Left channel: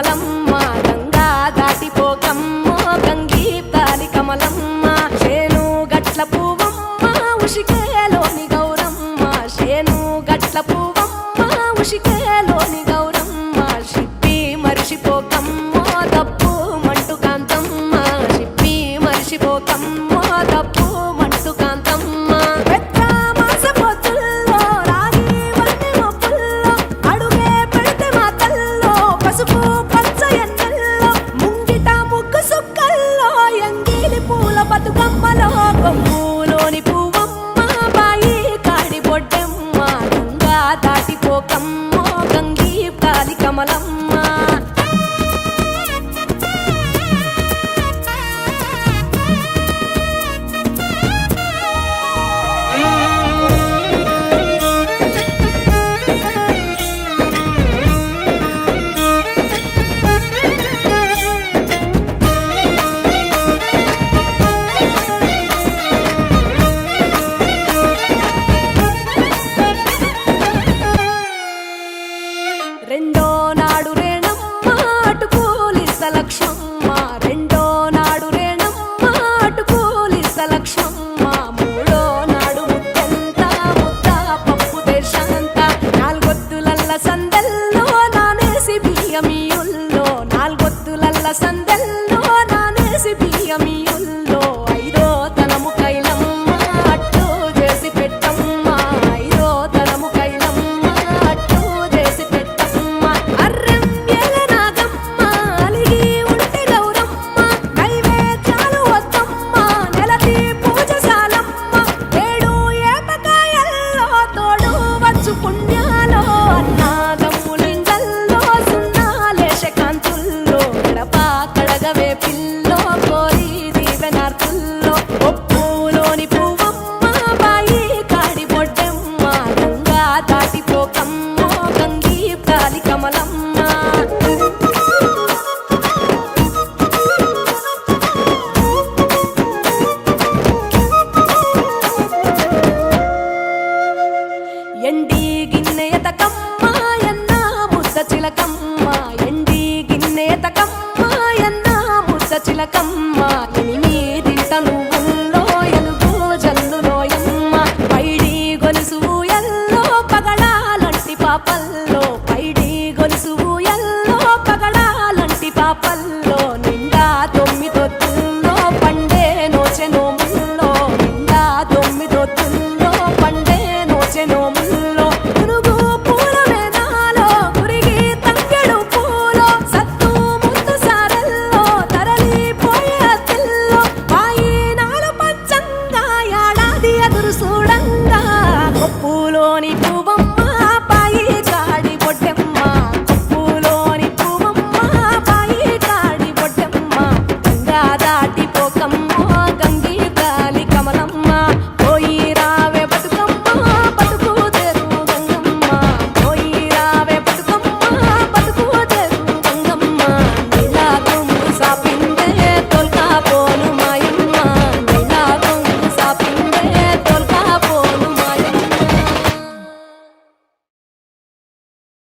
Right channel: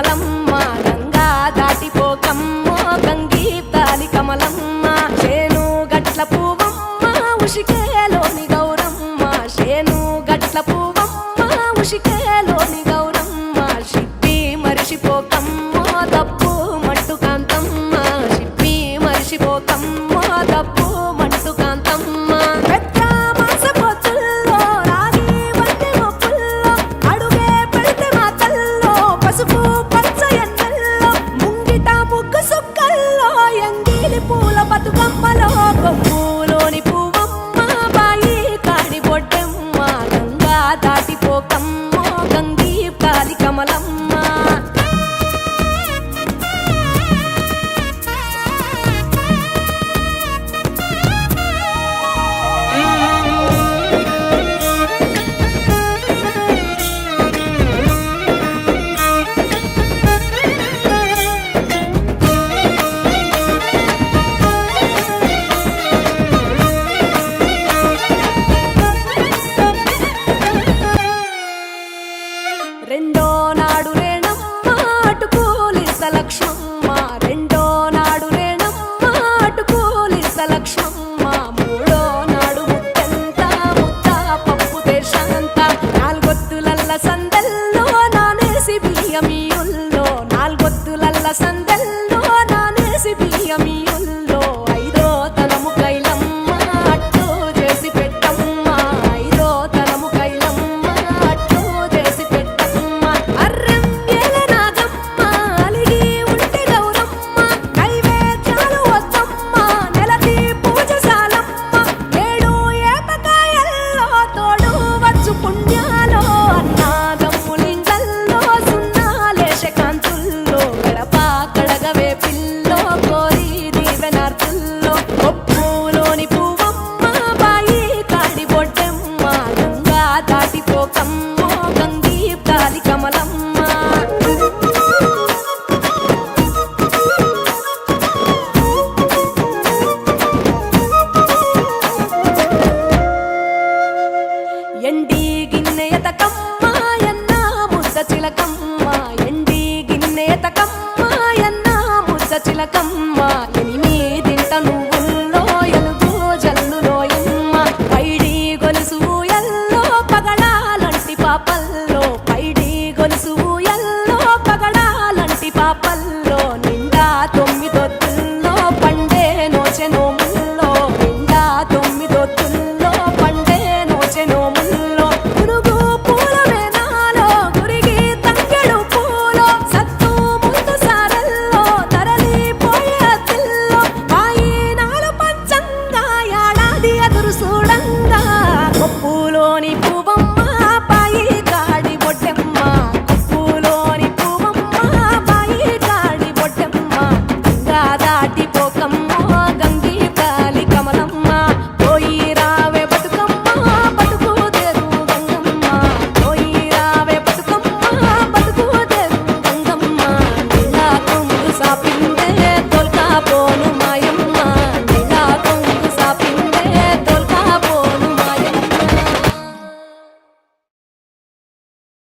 కమలమ్మ గంగా దాటిపోకమ్మ గంగీప్తాలి కమలమ్మ శేను గట్ల పువ్వమ్మ ఉషికేలోని గౌరమ్మ శేను గట్ల పువ్వమ్మ ఉషికేలోని గౌరమ్మ షిప్పి మరిషిపోకమ్మ తప్పు మంటు కాంతమ్మ షిప్పి మరిషిపోకమ్మ తప్పు మంటు కాంతమ్మ పెద్ద మాస పొత్తుల్లో రాగి వన్నె మొప్పుల్లో అడుగే పెడితే మా తల్లో పసుపు పచ్చ ఎన్నెల్లో ముంగిట ముగ్గు సుక్కల్లో ఎంగిలి పూల బతుకమ్మలో కొమ్ములోని పువ్వమ్మ బాయి కాడి బొడ్డెమ్మ గంగా దాటిపోకమ్మ గంగీప్తాలి కమలమ్మ రెండో నాడు రేణమ్మ అటుకూలిస్త లక్ష్మమ్మ రెండో నాడు రేణమ్మ అటుకూలిస్త లక్ష్మమ్మ మూడో నాడు ముత్తెంత ముద్ద పప్పు దేశంత నాలుగొత్తులల్ల సందెల్లో నానేసి బియ్యమియుల్లో నాలుగొత్తులల్ల సందెల్లో నానేసి బియ్యమియుల్లో ఐదో తనము కైలమ్మ అట్టు చేసి పెట్టమ్మ ఐదో తనము కైలమ్మ అట్టు చేసి పెట్టమ్మ అర్రెం ఏల నాగమ్మ అలిగి ఉంటే గౌరమ్మ నైవేద్యాలు వద్దమ్మ నెలతి పూజశాలమ్మ ఏడు ఏపకాయల్లో తోడు వచ్చు పుణ్యాలో అన్నాదమ్ములింగల్లో సున్నాలేశ కాంతుల్లో గడప కడగవే పిల్లో కోరి దీవెనార్తుల్లో ఒప్పులోని పువ్వమ్మ బాయి కాడి బొడ్డెమ్మ గంగా దాటిపోకమ్మ గంగీప్తాలి కమలమ్మ ఎండి గిన్నెయతకమ్మ ఎన్న ముద్ద చిలకమ్మ ఎండి గిన్నెయతకమ్మ ఎన్న ముద్ద చిలకమ్మ ఎనిమిదింట నువ్వుల్లో ఎలుగు జల్లులోయమ్మ పైడి గొలుసు ఎల్లో పగడాలంటి పాపల్లో పైడి గొలుసు ఎల్లో పగడాలంటి పాపల్లో నిండా తొమ్మిదొత్తుల్లో పండే నోచె నోముల్లో నిండా తొమ్మిదొత్తుల్లో పండే నోచె నోముల్లో పునుగు పూల వేనాలో గురిగి తంగెడు పూలో సత్తు ముందు సారల్లో తరలిపోయే అతిల్లో వాయినాలు పంచంగా ఏడాది ఎదురు చూడంగా కొప్పులోని పువ్వమ్మ